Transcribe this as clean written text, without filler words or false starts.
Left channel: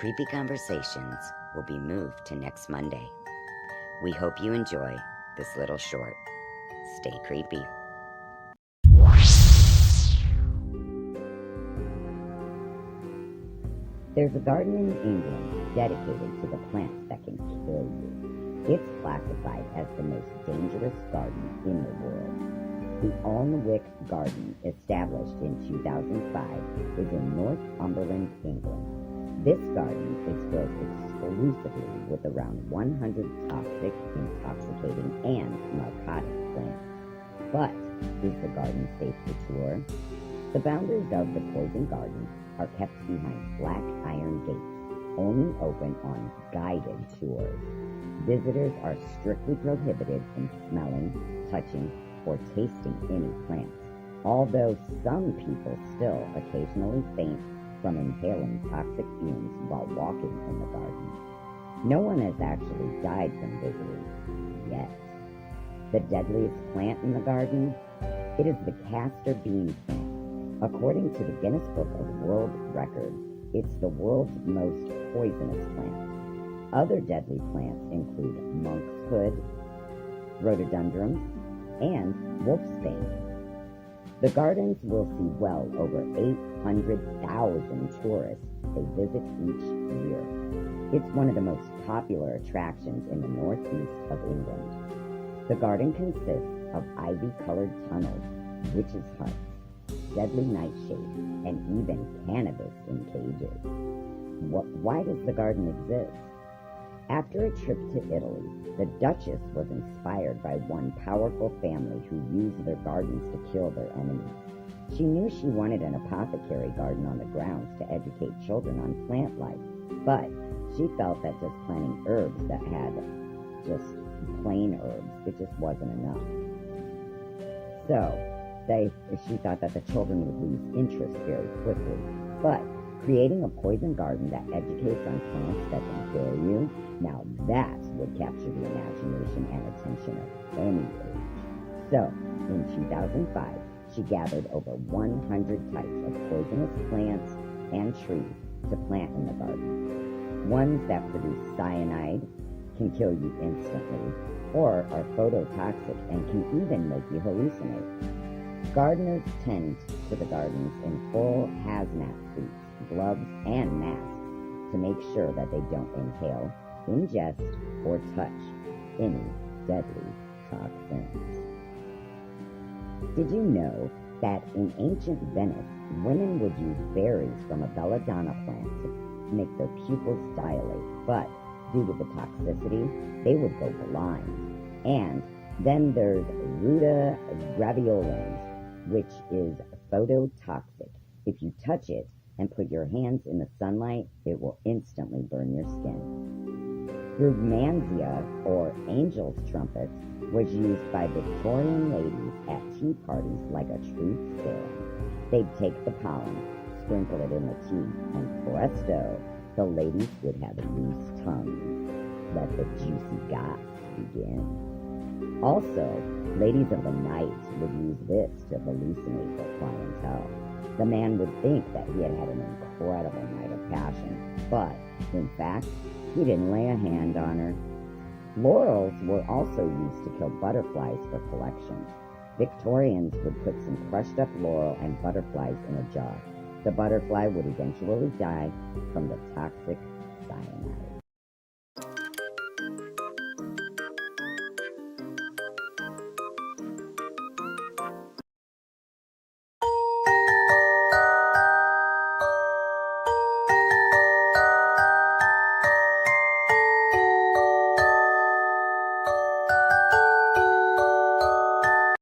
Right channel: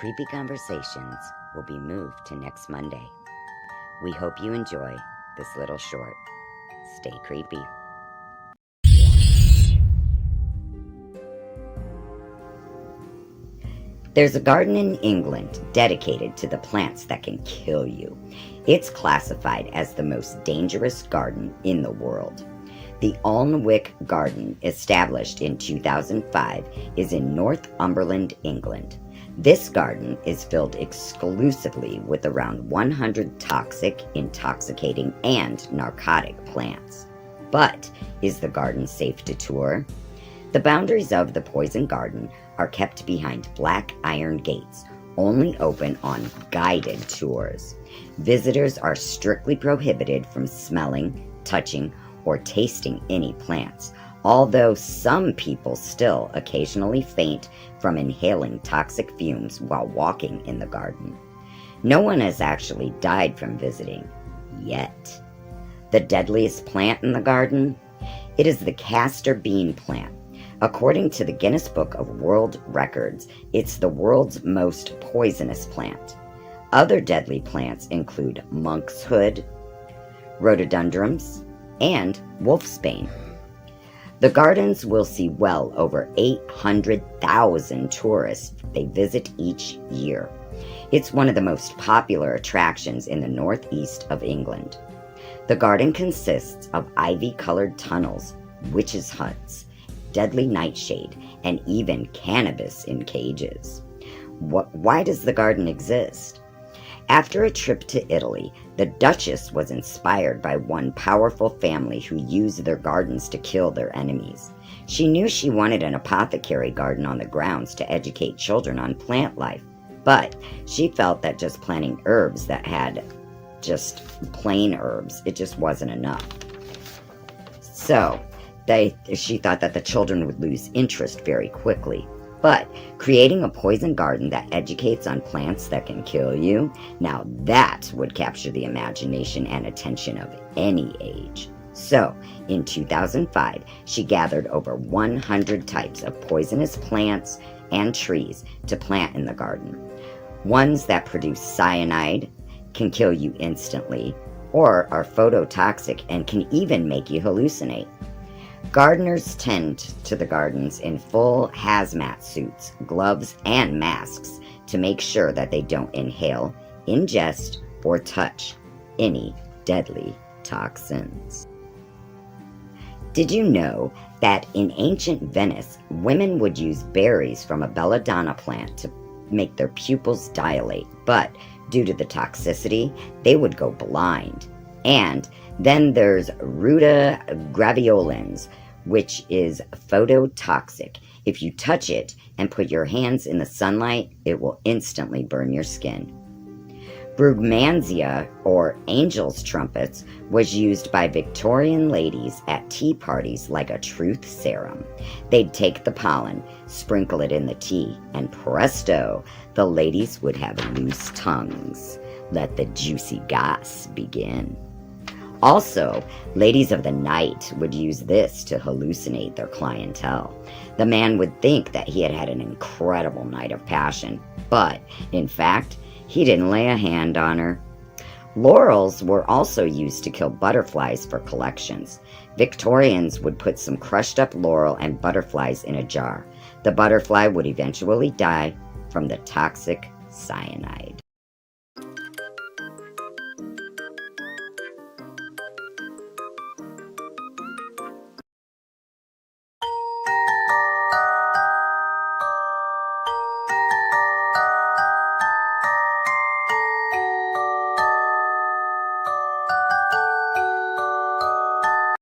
Creepy Conversations will be moved to next Monday. We hope you enjoy this little short. Stay creepy. There's a garden in England dedicated to the plants that can kill you. It's classified as the most dangerous garden in the world. The Alnwick Garden, established in 2005, is in Northumberland, England. This garden is filled exclusively with around 100 toxic, intoxicating, and narcotic plants. But is the garden safe to tour? The boundaries of the poison garden are kept behind black iron gates, only open on guided tours. Visitors are strictly prohibited from smelling, touching, or tasting any plants, although some people still occasionally faint from inhaling toxic fumes while walking in the garden. No one has actually died from visiting, yet. The deadliest plant in the garden? It is the castor bean plant. According to the Guinness Book of World Records, it's the world's most poisonous plant. Other deadly plants include monkshood, rhododendrons, and wolfsbane. The gardens will see well over 800,000 tourists they visit each year. It's one of the most popular attractions in the northeast of England. The garden consists of ivy-colored tunnels, witches' huts, deadly nightshade, and even cannabis in cages. Why does the garden exist? After a trip to Italy, the Duchess was inspired by one powerful family who used their gardens to kill their enemies. She knew she wanted an apothecary garden on the grounds to educate children on plant life, but she felt that just planting herbs that had just plain herbs, it just wasn't enough. So, she thought that the children would lose interest very quickly. But creating a poison garden that educates on plants that can kill you, now that would capture the imagination and attention of any age. So, in 2005, she gathered over 100 types of poisonous plants and trees to plant in the garden. Ones that produce cyanide, can kill you instantly, or are phototoxic and can even make you hallucinate. Gardeners tend to the gardens in full hazmat suits, gloves, and masks to make sure that they don't inhale, ingest, or touch any deadly toxins. Did you know that in ancient Venice, women would use berries from a belladonna plant to make their pupils dilate, but due to the toxicity, they would go blind? And then there's Ruta graveolens, which is phototoxic. If you touch it and put your hands in the sunlight, it will instantly burn your skin. Brugmansia, or angel's trumpets, was used by Victorian ladies at tea parties like a truth serum. They'd take the pollen, sprinkle it in the tea, and presto, the ladies would have loose tongues. Let the juicy goss begin. Also, ladies of the night would use this to hallucinate their clientele. The man would think that he had had an incredible night of passion, but, in fact, he didn't lay a hand on her. Laurels were also used to kill butterflies for collections. Victorians would put some crushed up laurel and butterflies in a jar. The butterfly would eventually die from the toxic cyanide.